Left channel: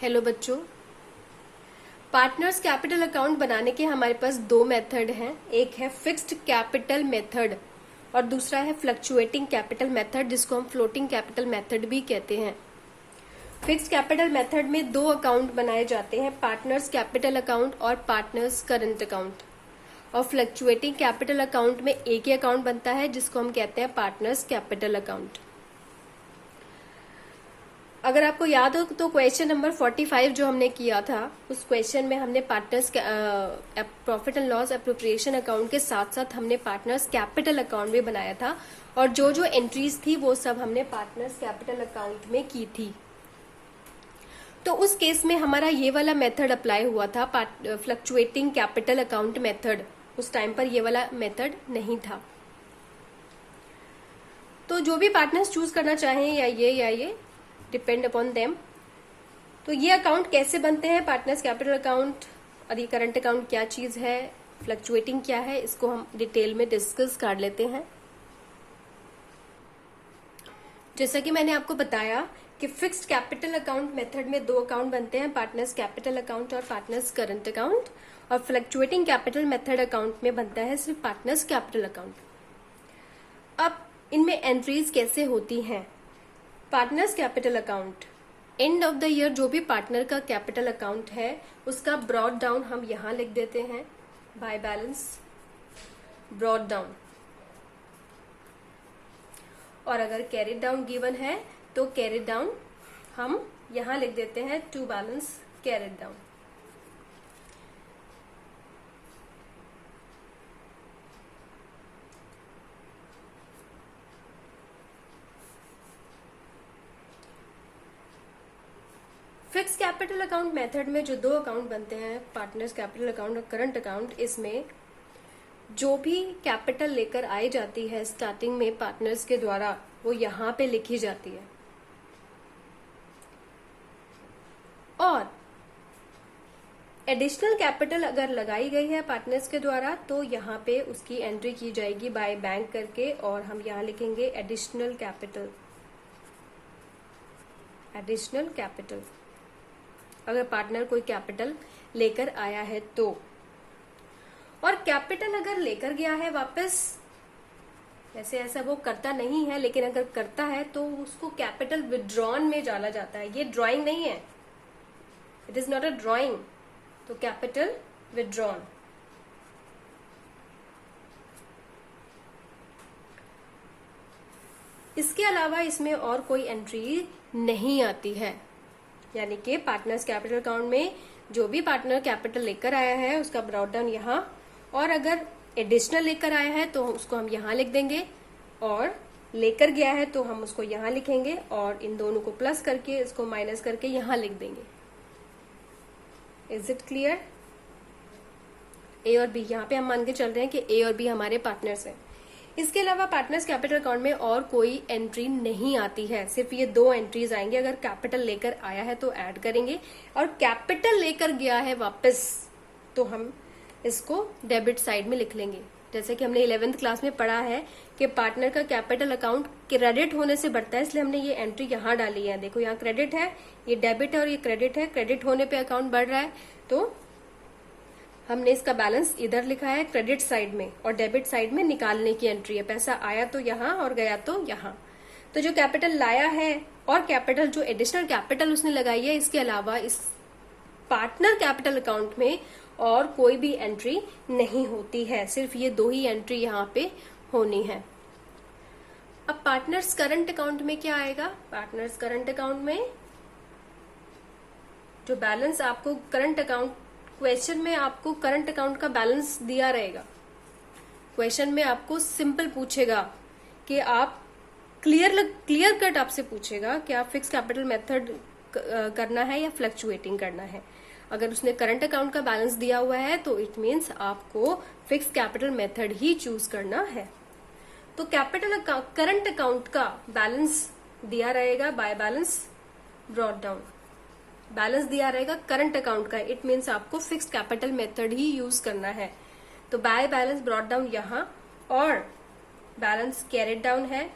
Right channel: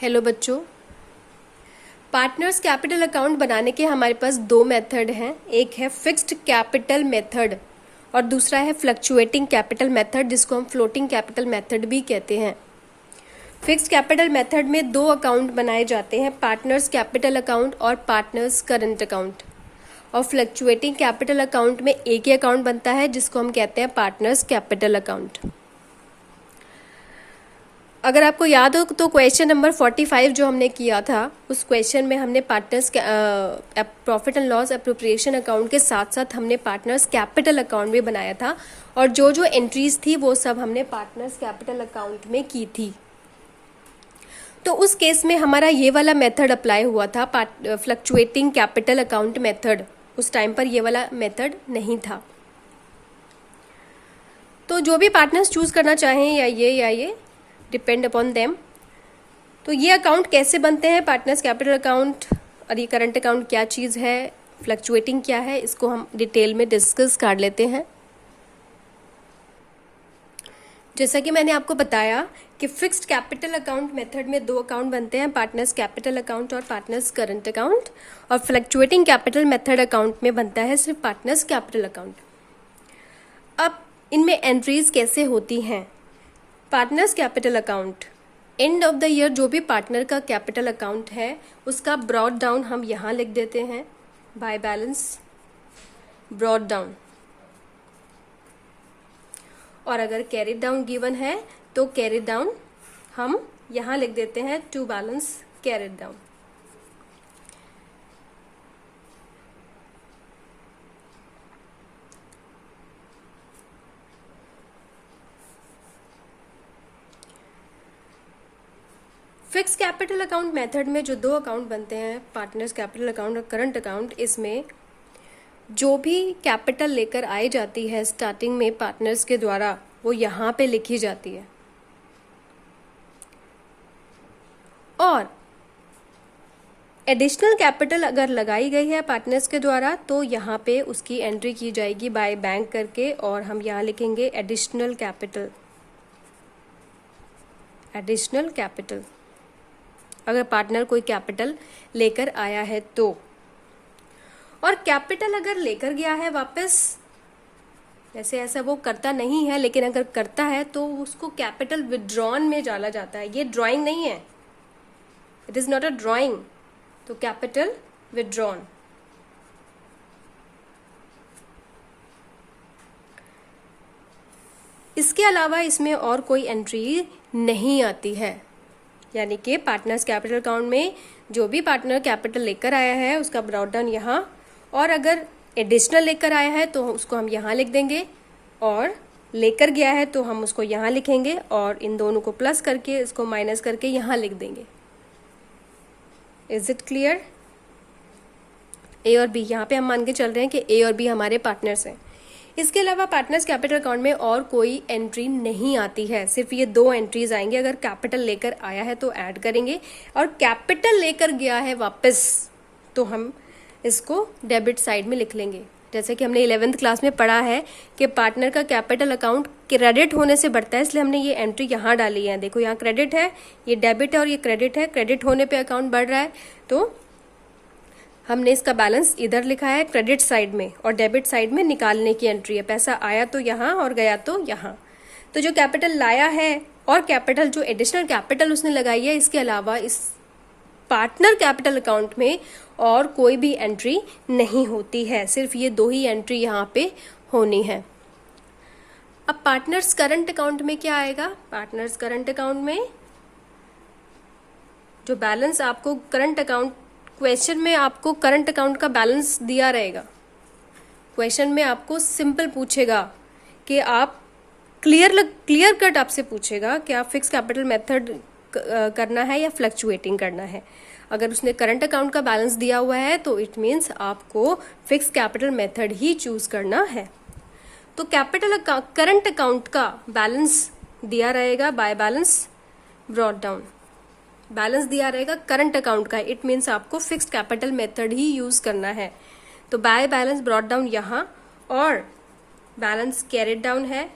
Hello बच्चों। Partners capital account बनाने के हमारे पास दो मेथड हैं। एक है फिक्स्ड कैपिटल मेथड और दूसरा है फ्लक्चुएटिंग कैपिटल मेथड, जिसको हम फ्लोटिंग कैपिटल मेथड भी कहते हैं। फिक्स्ड कैपिटल मेथड में दो अकाउंट बनाए जाते हैं, पार्टनर्स कैपिटल अकाउंट और पार्टनर्स करंट अकाउंट। और फ्लक्चुएटिंग कैपिटल अकाउंट में एक ही अकाउंट बनता है, जिसको हम कहते हैं पार्टनर्स कैपिटल अकाउंट। अगर आपको याद हो तो क्वेश्चन नंबर 45 जो हमने किया था, उस क्वेश्चन में हमने partners profit and loss appropriation account के साथ साथ हमने पार्टनर्स कैपिटल अकाउंट भी बनाया था, और जो जो एंट्रीज थी वो सब हमने पार्टनर्स कैपिटल अकाउंट में की थी। तो उस केस में हमारा ये वाला मेथड अप्लाई हुआ था, फ्लक्चुएटिंग कैपिटल अकाउंट मेथड। उस टाइम पर ये वाला मेथड नहीं था। तो जो भी पार्टनर्स चूज करना चाहें, या ये डिपेंड अपॉन देम। तो ये अकाउंट कैसे बनते हैं, पार्टनर्स कैपिटल अकाउंट और ये करंट अकाउंट क्या चीज़ है, फ्लक्चुएटिंग क्या है, इसको हम डिटेल में डिस्कस कर लेते हैं। जैसा कि मैंने आपको बताया कि फिक्स्ड कैपिटल अकाउंट मेथड में दो अकाउंट बनते हैं, पार्टनर्स कैपिटल अकाउंट और पार्टनर्स करंट अकाउंट। और फ्लक्चुएटिंग कैपिटल मेथड अकाउंट में बनता है सिर्फ पार्टनर्स कैपिटल अकाउंट। अब इनमें एंट्रीज कैसे होती हैं। Partners capital account, end of the year जो भी पार्टनर का कैपिटल अकाउंट है उसका ब्रॉड डाउन हम यहाँ लिख देते हैं, बाय बैलेंस ब्रॉड डाउन। और अगर कैरिड डाउन गिवन है तो कैरिड डाउन हम यहाँ लिख देते हैं, to balance carried down. Fix capital account method में जो दो अकाउंट बनते हैं, पार्टनर्स कैपिटल अकाउंट और करंट अकाउंट, इसमें जो भी कैपिटल लेकर आई जाती है स्टार्टिंग में पार्टनर्स के द्वारा, वो यहाँ पे लिखी जाती है। और एडिशनल कैपिटल अगर लगाई गई है पार्टनर्स के द्वारा तो यहाँ पे उसकी एंट्री की जाएगी बाय बैंक करके, और हम यहाँ लिखेंगे एडिशनल कैपिटल। एडिशनल कैपिटल अगर पार्टनर कोई कैपिटल लेकर आया है तो। और कैपिटल अगर लेकर गया है वापस, वैसे ऐसा वो करता नहीं है, लेकिन अगर करता है तो उसको कैपिटल विड्रॉन में डाला जाता है। ये ड्राइंग नहीं है, it is not a drawing. तो कैपिटल विड्रॉन। इसके अलावा इसमें और कोई एंट्री नहीं आती है, यानी कि पार्टनर्स कैपिटल अकाउंट में जो भी पार्टनर कैपिटल लेकर आया है उसका ब्रॉड डाउन यहाँ, और अगर एडिशनल लेकर आया है तो उसको हम यहाँ लिख देंगे, और लेकर गया है तो हम उसको यहाँ लिखेंगे, और इन दोनों को प्लस करके इसको माइनस करके यहाँ लिख देंगे। Is it clear. ए और बी, यहाँ पे हम मान के चल रहे हैं कि ए और बी हमारे पार्टनर्स हैं। इसके अलावा पार्टनर्स कैपिटल अकाउंट में और कोई एंट्री नहीं आती है, सिर्फ ये दो एंट्रीज आएंगे। अगर कैपिटल लेकर आया है तो ऐड करेंगे, और कैपिटल लेकर गया है वापस तो हम इसको डेबिट साइड में लिख लेंगे। जैसे कि हमने 11th क्लास में पढ़ा है कि पार्टनर का कैपिटल अकाउंट क्रेडिट होने से बढ़ता है, इसलिए हमने ये एंट्री यहाँ डाली है। देखो यहाँ क्रेडिट है, ये डेबिट है और ये क्रेडिट है। क्रेडिट होने पे अकाउंट बढ़ रहा है तो हमने इसका बैलेंस इधर लिखा है क्रेडिट साइड में, और डेबिट साइड में निकालने की एंट्री है। पैसा आया तो यहाँ और गया तो यहाँ। तो जो कैपिटल लाया है और कैपिटल जो एडिशनल कैपिटल उसने लगाई है, इसके अलावा इस पार्टनर कैपिटल अकाउंट में और कोई भी एंट्री नहीं होती है, सिर्फ ये दो ही एंट्री यहाँ पे होनी है। अब पार्टनर्स करंट अकाउंट में क्या आएगा। पार्टनर्स करंट अकाउंट में जो बैलेंस आपको करंट अकाउंट, क्वेश्चन में आपको करंट अकाउंट का बैलेंस दिया रहेगा। क्वेश्चन में आपको सिंपल पूछेगा कि आप क्लियर कट आपसे पूछेगा कि आप फिक्स कैपिटल मेथड करना है या फ्लक्चुएटिंग करना है। अगर उसने करंट अकाउंट का बैलेंस दिया हुआ है तो इट मीन्स आपको फिक्स कैपिटल मेथड ही चूज करना है। तो करंट अकाउंट का बैलेंस दिया रहेगा by balance brought down. Balance दिया रहेगा करंट अकाउंट का, इट मीन्स आपको फिक्स्ड कैपिटल मेथड ही यूज करना है। तो बाय बैलेंस ब्रॉड डाउन यहाँ, और बैलेंस कैरिड डाउन है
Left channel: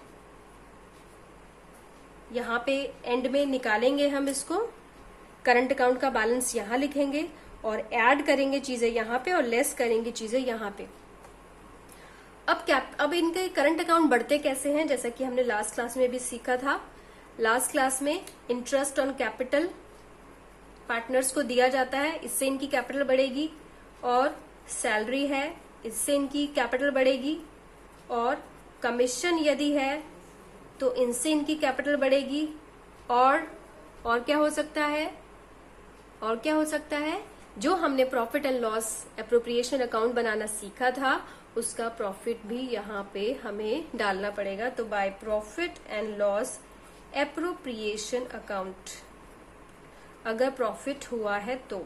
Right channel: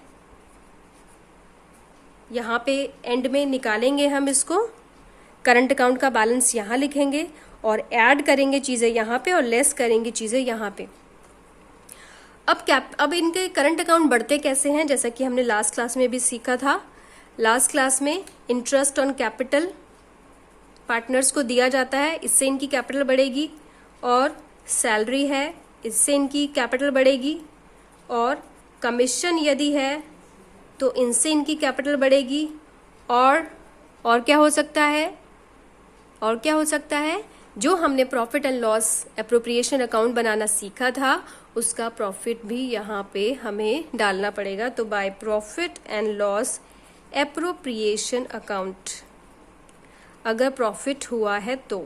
यहाँ पे एंड में निकालेंगे हम इसको, करंट अकाउंट का बैलेंस यहाँ लिखेंगे और ऐड करेंगे चीज़ें यहाँ पे और लेस करेंगे चीज़ें यहाँ पे। अब इनके करंट अकाउंट बढ़ते कैसे हैं, जैसा कि हमने लास्ट क्लास में भी सीखा था। लास्ट क्लास में इंटरेस्ट ऑन कैपिटल पार्टनर्स को दिया जाता है, इससे इनकी कैपिटल बढ़ेगी, और सैलरी है, इससे इनकी कैपिटल बढ़ेगी, और कमीशन यदि है तो इनसे इनकी कैपिटल बढ़ेगी, और क्या हो सकता है, और क्या हो सकता है, जो हमने profit and loss appropriation account बनाना सीखा था उसका प्रॉफिट भी यहाँ पे हमें डालना पड़ेगा। तो by profit and loss appropriation account अगर प्रॉफिट हुआ है तो,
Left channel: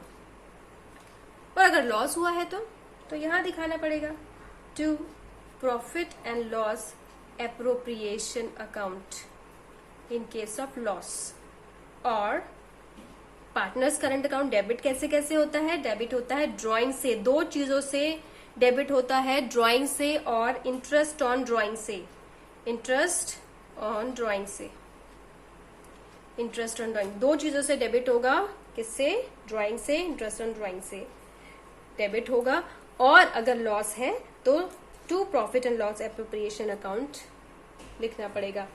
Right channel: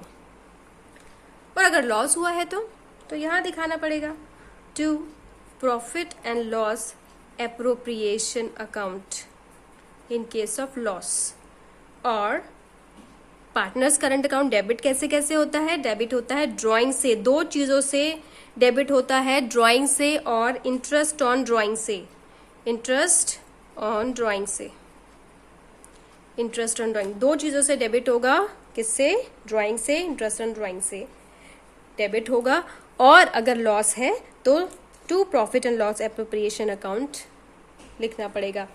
और अगर लॉस हुआ है तो यहाँ दिखाना पड़ेगा to profit and loss appropriation account in case of loss. और पार्टनर्स करंट अकाउंट डेबिट कैसे कैसे होता है, डेबिट होता है ड्राइंग से, दो चीजों से डेबिट होता है, ड्राइंग से और इंटरेस्ट ऑन ड्राइंग से, इंटरेस्ट ऑन ड्राइंग से, इंटरेस्ट ऑन ड्राइंग, दो चीजों से डेबिट होगा, किससे, ड्राइंग से, इंटरेस्ट ऑन ड्राइंग से डेबिट होगा। और अगर लॉस है तो to profit and loss appropriation account लिखना पड़ेगा।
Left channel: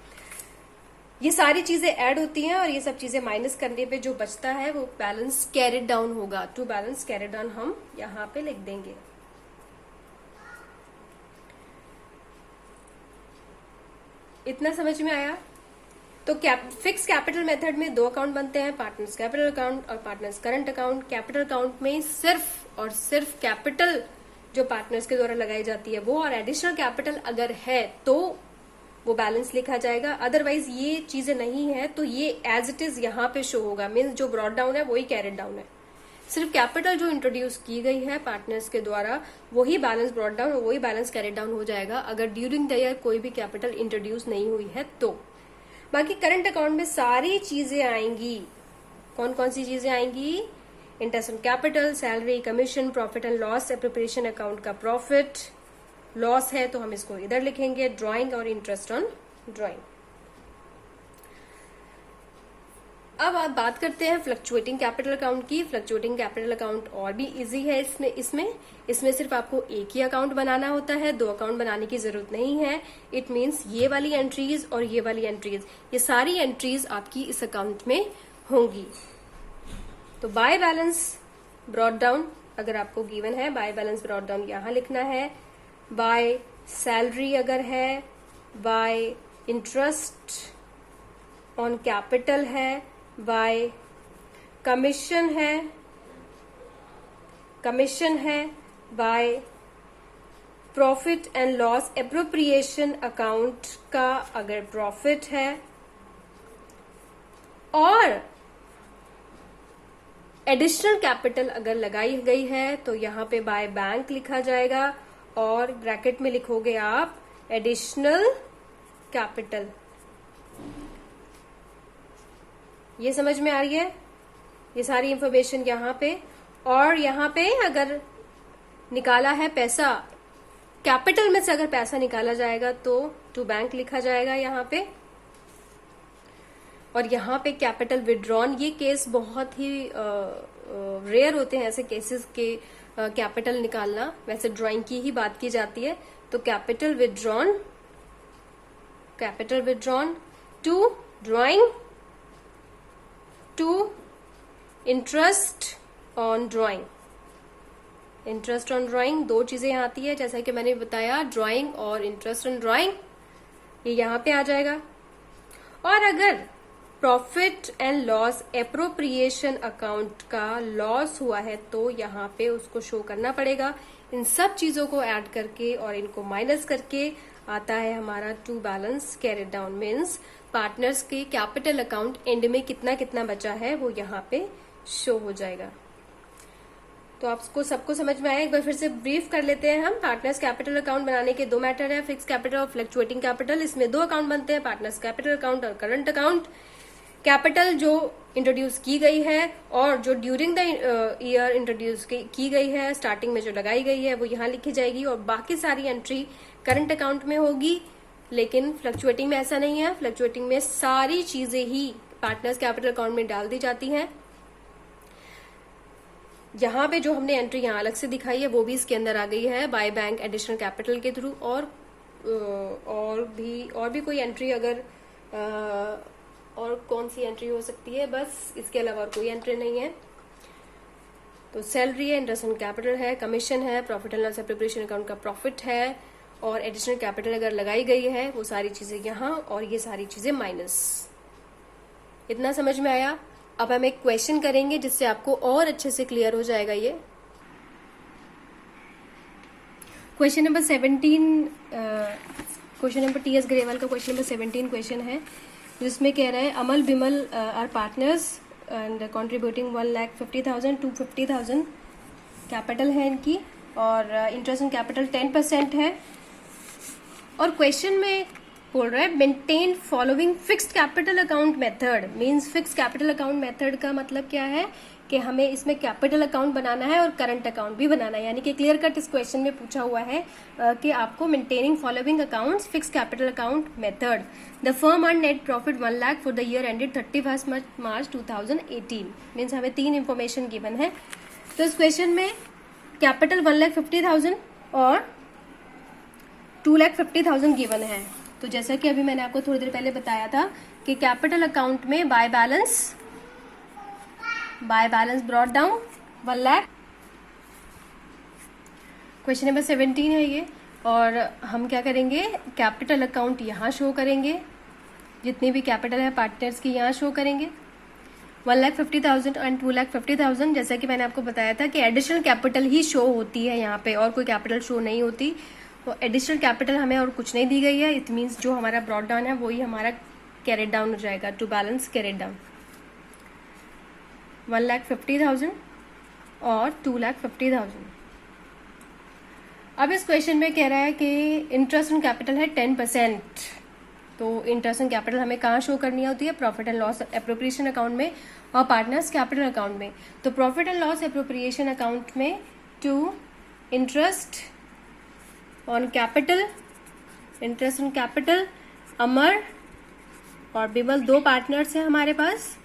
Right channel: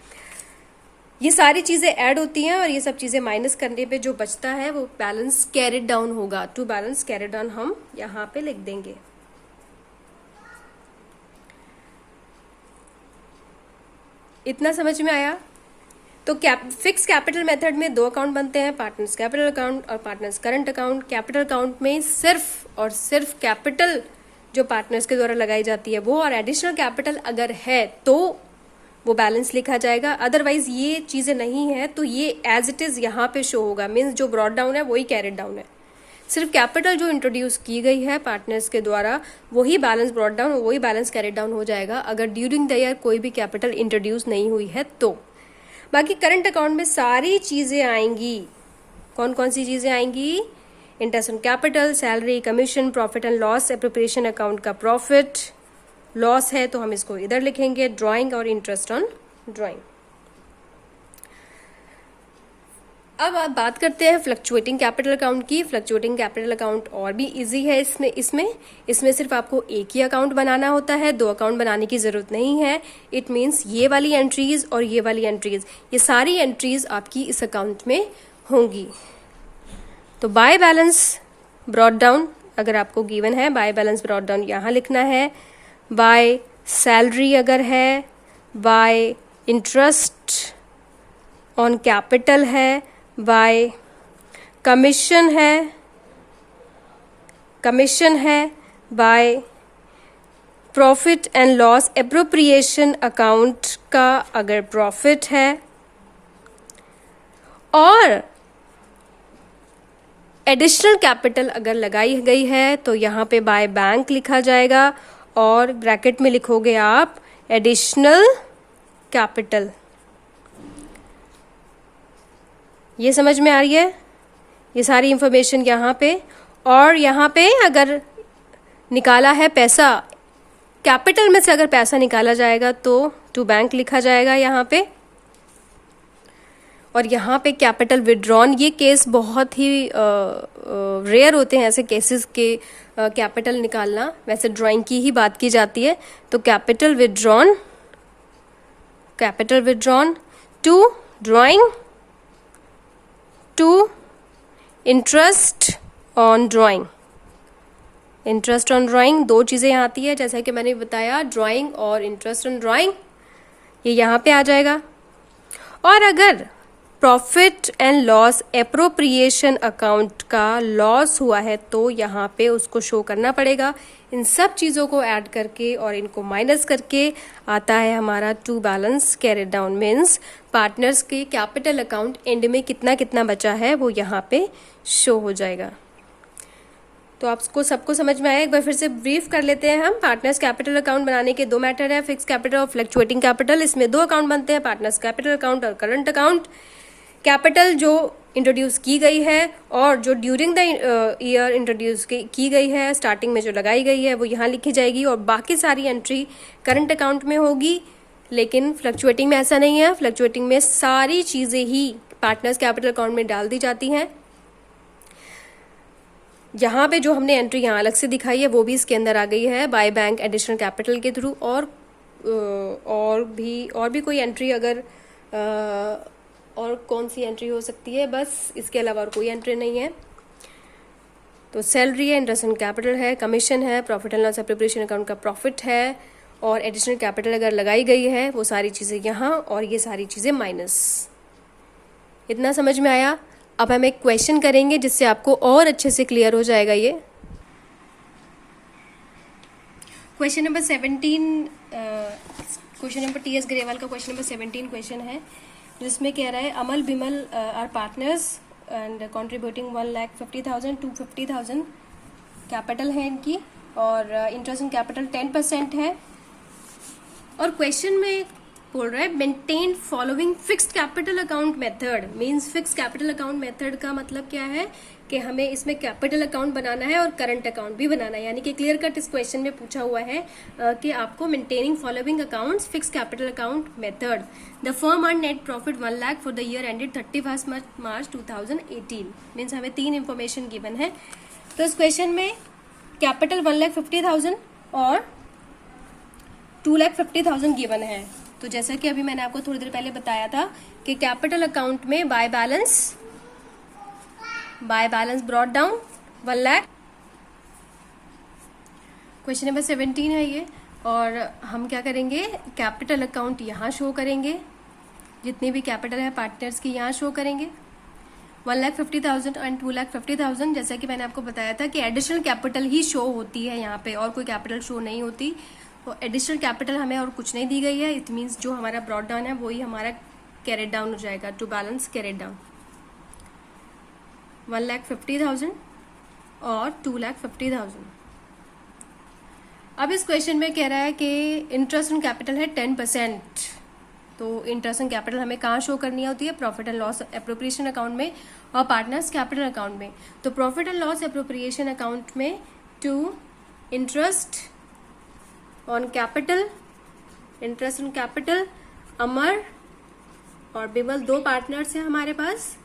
ये सारी चीजें ऐड होती हैं और ये सब चीजें माइनस करने पे जो बचता है वो बैलेंस कैरिड डाउन होगा। टू बैलेंस कैरिड डाउन हम यहाँ पे लिख देंगे। इतना समझ में आया? तो फिक्स कैपिटल मेथड में दो अकाउंट बनते हैं, पार्टनर्स कैपिटल अकाउंट और partners current account. Capital account में सिर्फ और सिर्फ कैपिटल जो पार्टनर्स के द्वारा लगाई जाती है वो, और एडिशनल कैपिटल अगर है तो वो बैलेंस लिखा जाएगा। अदरवाइज ये चीजें नहीं है तो ये एज इट इज यहाँ पे शो होगा, मीन्स जो ब्रॉट डाउन है वही कैरिड डाउन है। सिर्फ कैपिटल जो इंट्रोड्यूस की गई है पार्टनर्स के द्वारा वही बैलेंस ब्रॉट डाउन, वही बैलेंस कैरिड डाउन हो जाएगा अगर ड्यूरिंग द ईयर कोई भी कैपिटल इंट्रोड्यूस नहीं हुई है तो। बाकी करंट अकाउंट में सारी चीजें आएंगी। कौन कौन सी चीजें आएंगी? Interest on capital, salary, commission, profit and loss appropriation account का प्रॉफिट, लॉस है तो हम इसको इधर लिखेंगे, ड्राइंग और इंटरेस्ट ऑन ड्राइंग। अब आप बात करते हैं फ्लक्चुएटिंग कैपिटल अकाउंट की। फ्लक्चुएटिंग कैपिटल अकाउंट और भी इजी है। इसमें सिर्फ आपको एक ही अकाउंट बनाना होता है, दो अकाउंट बनाने की जरूरत नहीं है। इट मीन्स ये वाली एंट्रीज और ये वाली एंट्रीज, ये सारी एंट्रीज आपकी इस अकाउंट में होंगी। तो बाय बैलेंस ब्रॉट डाउन अगर आपको गिवन है, बाय बैलेंस ब्रॉट डाउन यहाँ लिखना है। बाय सैलरी अगर है, बाय इंटरेस्ट ऑन कैपिटल है, बाय कमीशन है, by profit and loss appropriation account का अगर प्रॉफिट है, और एडिशनल कैपिटल अगर लगाई गई है तो यहाँ पे बाय बैंक लिखा जाएगा और ब्रैकेट में लिखोगे आप एडिशनल कैपिटल। ये समझ में आ रही है? ये सारी इंफॉर्मेशन यहाँ पे। और यहाँ पे अगर निकाला है पैसा, कैपिटल में से अगर पैसा निकाला जाएगा तो टू बैंक लिखा जाएगा यहाँ पे। और यहाँ पे कैपिटल विड्रॉन, ये केस बहुत ही रेयर होते हैं ऐसे केसेस के कैपिटल निकालना, वैसे ड्राइंग की ही बात की जाती है। तो capital withdrawn to drawing to interest on drawing. Interest on drawing दो चीज़ें यहाँ आती है, जैसा कि मैंने बताया, ड्राइंग और इंटरेस्ट ऑन ड्राइंग, ये यहाँ पे आ जाएगा। और अगर profit and loss appropriation account का लॉस हुआ है तो यहाँ पे उसको शो करना पड़ेगा। इन सब चीज़ों को ऐड करके और इनको माइनस करके आता है हमारा to balance carried down, means partners के कैपिटल अकाउंट एंड में कितना कितना बचा है वो यहाँ पे शो हो जाएगा। तो आपको सबको समझ में आया? एक बार फिर से ब्रीफ कर लेते हैं हम। पार्टनर्स कैपिटल अकाउंट बनाने के दो मेथड है, फिक्स कैपिटल और फ्लक्चुएटिंग कैपिटल। इसमें दो अकाउंट बनते हैं, पार्टनर्स कैपिटल अकाउंट और करंट अकाउंट। कैपिटल जो इंट्रोड्यूस की गई है और जो ड्यूरिंग द ईयर इंट्रोड्यूस की गई है, स्टार्टिंग में जो लगाई गई है वो यहाँ लिखी जाएगी और बाकी सारी एंट्री करंट अकाउंट में होगी। लेकिन फ्लक्चुएटिंग में ऐसा नहीं है। फ्लक्चुएटिंग में सारी चीज़ें ही पार्टनर्स कैपिटल अकाउंट में डाल दी जाती हैं यहाँ पे जो हमने एंट्री यहाँ अलग से दिखाई है वो भी इसके अंदर आ गई है बाय बैंक एडिशनल कैपिटल के थ्रू। और भी कोई एंट्री अगर और कौन सी एंट्री हो सकती है, बस इसके अलावा और कोई एंट्री नहीं है। तो सैलरी है, इंटरेस्ट एंड कैपिटल है, कमीशन है, profit and loss appropriation account का प्रॉफिट है, और एडिशनल कैपिटल अगर लगाई गई है वो सारी चीज़ें यहाँ, और ये सारी चीज़ें माइनस। इतना समझ में आया? अब हम एक क्वेश्चन करेंगे जिससे आपको और अच्छे से क्लियर हो जाएगा ये। Question number 17, question number T.S.. Grewal का क्वेश्चन नंबर 17 क्वेश्चन है, जिसमें कह रहा है Amal Bimal are partners and contributing 1,50,000 to 50,000 capital है इनकी, और इंटरेस्ट एंड कैपिटल 10% है। और क्वेश्चन में बोल रहा है maintain following fixed capital account method. Means fixed capital account method का मतलब क्या है कि हमें इसमें कैपिटल अकाउंट बनाना है और करंट अकाउंट भी बनाना है। यानी कि क्लियर कट इस क्वेश्चन में पूछा हुआ है कि आपको maintaining following accounts fixed capital account method. The firm earn net profit 1 lakh for the year ended 31 March 2018। Means हमें 3 इंफॉर्मेशन गिवन है। तो इस क्वेश्चन में कैपिटल 1,50,000 और 2,50,000 गिवन है। तो जैसा कि अभी मैंने आपको थोड़ी देर पहले बताया था कि कैपिटल अकाउंट में by balance brought down 1 lakh. Question number 17 है ये, और हम क्या करेंगे, कैपिटल अकाउंट यहाँ शो करेंगे, जितनी भी कैपिटल है पार्टनर्स की यहाँ शो करेंगे। 1,50,000 एंड 2,50,000, जैसा कि मैंने आपको बताया था कि एडिशनल कैपिटल ही शो होती है यहाँ पे, और कोई कैपिटल शो नहीं होती। तो एडिशनल कैपिटल हमें और कुछ नहीं दी गई है। इट मीन्स जो हमारा ब्रॉट डाउन है वही हमारा कैरेट डाउन हो जाएगा, टू बैलेंस कैरेट डाउन। 1,50,000 और 2,50,000। अब इस क्वेश्चन में कह रहा है कि इंटरेस्ट ऑन कैपिटल है 10%। तो इंटरेस्ट ऑन कैपिटल हमें कहाँ शो करनी होती है, profit and loss appropriation account में और पार्टनर्स कैपिटल अकाउंट में। तो profit and loss appropriation account में to interest on capital, interest on capital, Amar और बिमल 2 पार्टनर्स हैं हमारे पास।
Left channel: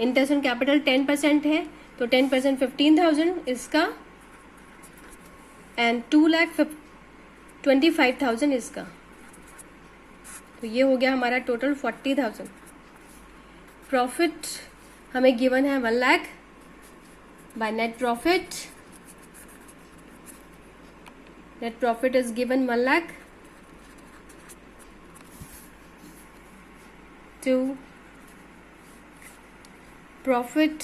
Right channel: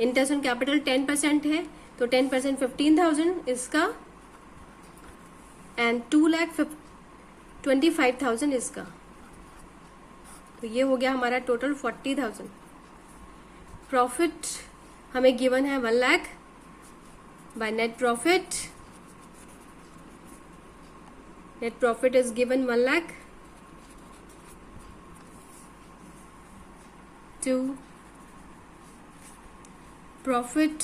इंटरेस्ट ऑन कैपिटल 10% है, तो 10% 15,000 इसका, एंड 2,25,000 इसका। तो ये हो गया हमारा टोटल 40,000। प्रॉफिट हमें गिवन है 1 lakh by net profit. Net profit is given 1 lakh to profit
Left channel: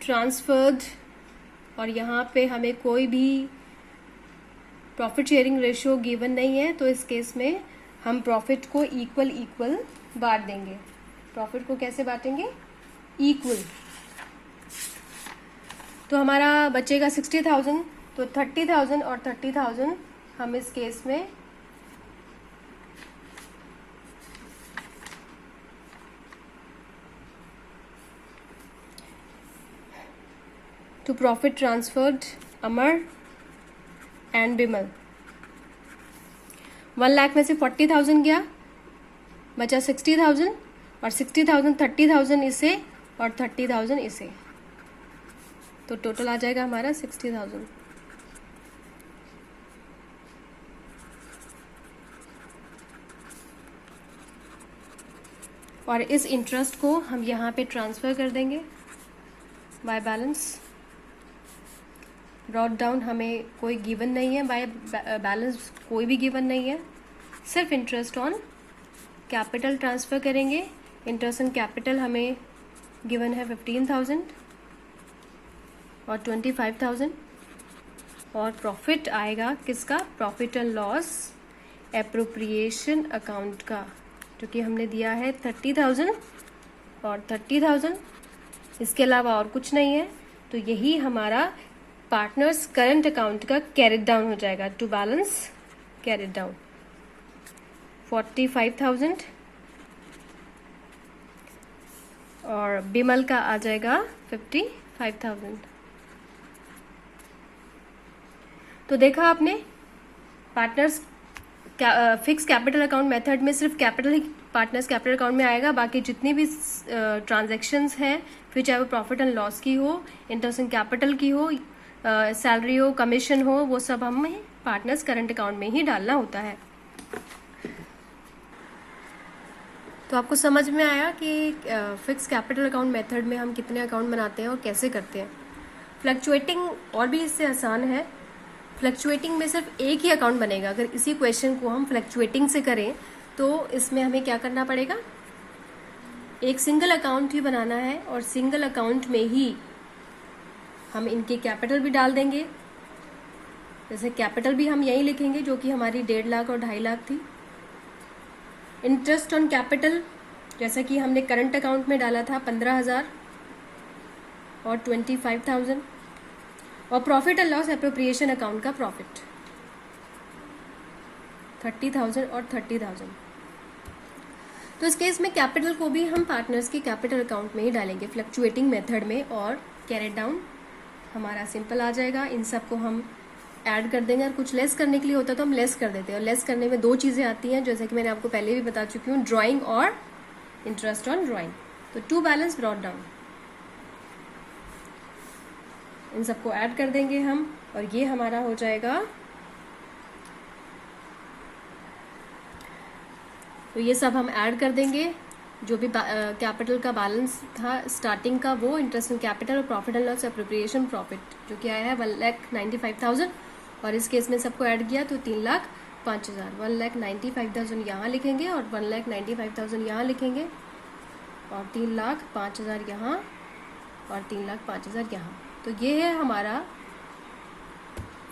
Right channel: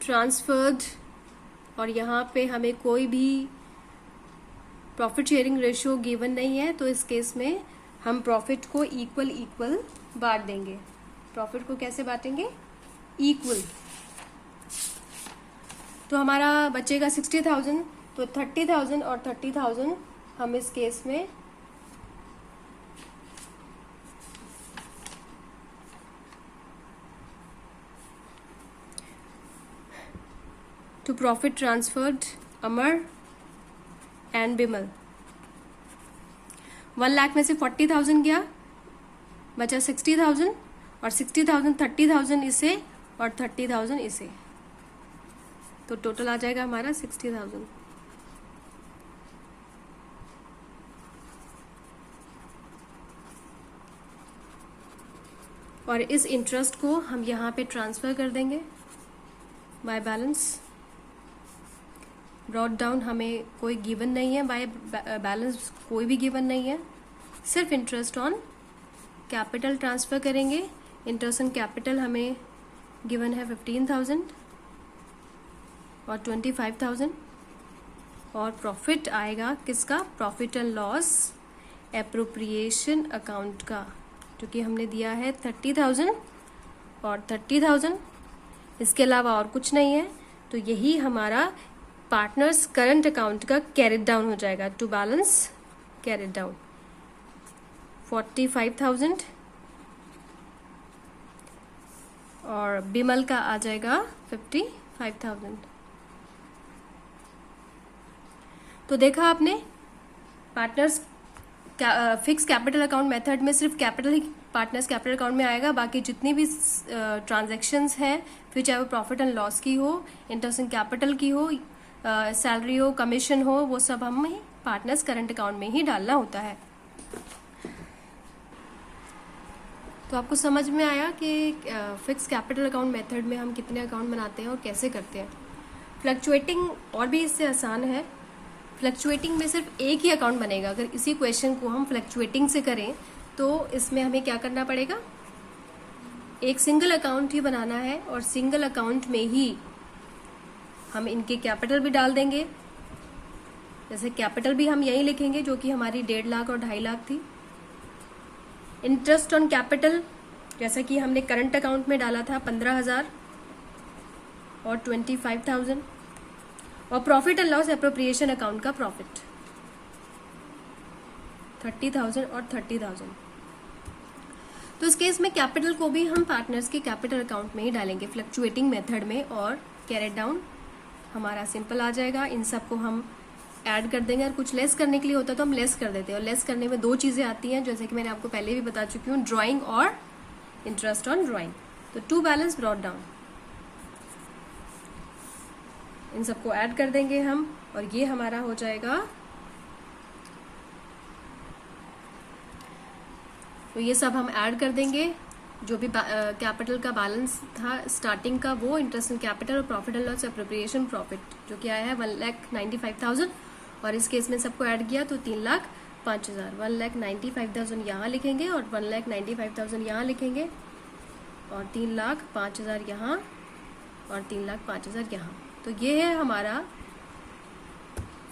transferred, और यहाँ पे हमें कोई भी प्रॉफिट शेयरिंग रेशियो गिवन नहीं है, तो इस केस में हम प्रॉफिट को इक्वल बांट देंगे। प्रॉफिट को कैसे बांटेंगे, इक्वल। तो हमारा बचेगा 60,000, तो 30,000 और 30,000 हम इस केस में to profit transferred Amar and Bimal. 1 lakh में से 40,000 गया, बचा 60,000, और 60,000 30,000 इसे और 30,000 इसे, तो टोटल आ जाएगा हमारा 60,000। और इस इंटरेस्ट को हम यहाँ पे ट्रांसफर कर देंगे बाय बैलेंस। ब्रॉट डाउन हमें कोई गिवन नहीं है, बाय बैलेंस कोई भी गिवन नहीं है, सिर्फ इंटरेस्ट ऑन कैपिटल ट्रांसफर करेंगे। इंटरेस्ट ऑन कैपिटल हमें गिवन है 15,000 और 25,000, और प्रॉफिट आएगा किसका, profit and loss appropriation account का, जो कि हमने दिया है 30,000 और 30,000। इसके अलावा और कुछ नहीं है। तो यही हमारा पार्टनर्स करंट अकाउंट का कैरेट डाउन हो जाएगा, टू बैलेंस कैरेट डाउन 45,000, और बिमल का आ जाएगा 55,000। तो देखा आपने, partners fix capital account method में सिर्फ कैपिटल ही पार्टनर्स कैपिटल अकाउंट में आएगा। बाकी जितनी भी ट्रांजैक्शंस हैं, फिर चाहे वो प्रॉफिट एंड लॉस की हो, इंटरेस्ट इन कैपिटल की हो, सैलरी हो, कमीशन हो, वो सब हमें पार्टनर्स करंट अकाउंट में ही डालना होता है। तो आपको समझ में आया कि फिक्स कैपिटल अकाउंट मेथड में हम कितने अकाउंट बनाते हैं और कैसे करते हैं। फ्लक्चुएटिंग और भी इससे आसान है। फ्लक्चुएटिंग में सिर्फ एक ही अकाउंट बनेगा। अगर इसी क्वेश्चन को हम फ्लक्चुएटिंग से करें तो इसमें हमें क्या करना पड़ेगा, एक सिंगल अकाउंट ही बनाना है और सिंगल अकाउंट में ही हम इनके कैपिटल भी डाल देंगे। जैसे कैपिटल भी हम यही लिखेंगे जो कि हमारी 1.5 लाख और 2.5 लाख थी। इंटरेस्ट ऑन कैपिटल जैसा कि हमने करंट अकाउंट में डाला था 15,000 और 25,000, और profit and loss appropriation account का प्रॉफिट 30,000 और 30,000। तो इस केस में कैपिटल को भी हम पार्टनर्स के कैपिटल अकाउंट में ही डालेंगे फ्लक्चुएटिंग मेथड में, और कैरेट डाउन हमारा सिंपल आ जाएगा। इन सबको हम ऐड कर देंगे, और कुछ लेस करने के लिए होता है तो हम लेस कर देते हैं। और लेस करने में 2 चीजें आती हैं, जैसे कि मैंने आपको पहले भी बता चुकी हूँ, ड्राइंग और इंटरेस्ट ऑन ड्राइंग। तो टू बैलेंस ब्रॉट डाउन, इन सबको ऐड कर देंगे हम, और ये हमारा हो जाएगा। तो ये सब हम ऐड कर देंगे, जो भी कैपिटल का बैलेंस था स्टार्टिंग का, वो इंटरेस्ट इन कैपिटल और profit and loss appropriation profit जो कि आया है 1,95,000, और इस केस में सबको ऐड किया तो 3,05,000। 1,95,000 यहाँ लिखेंगे और 1,95,000 यहाँ लिखेंगे, और 3,05,000 यहाँ और 3,05,000 यहाँ। तो ये है हमारा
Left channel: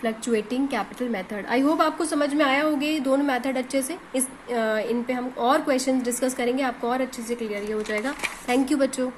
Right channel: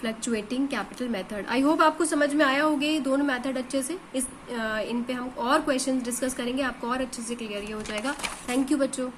fluctuating capital method. I hope आपको समझ में आया होगा ये दोनों मेथड अच्छे से। इन पे हम और क्वेश्चन डिस्कस करेंगे, आपको और अच्छे से क्लियर हो जाएगा। थैंक यू बच्चों।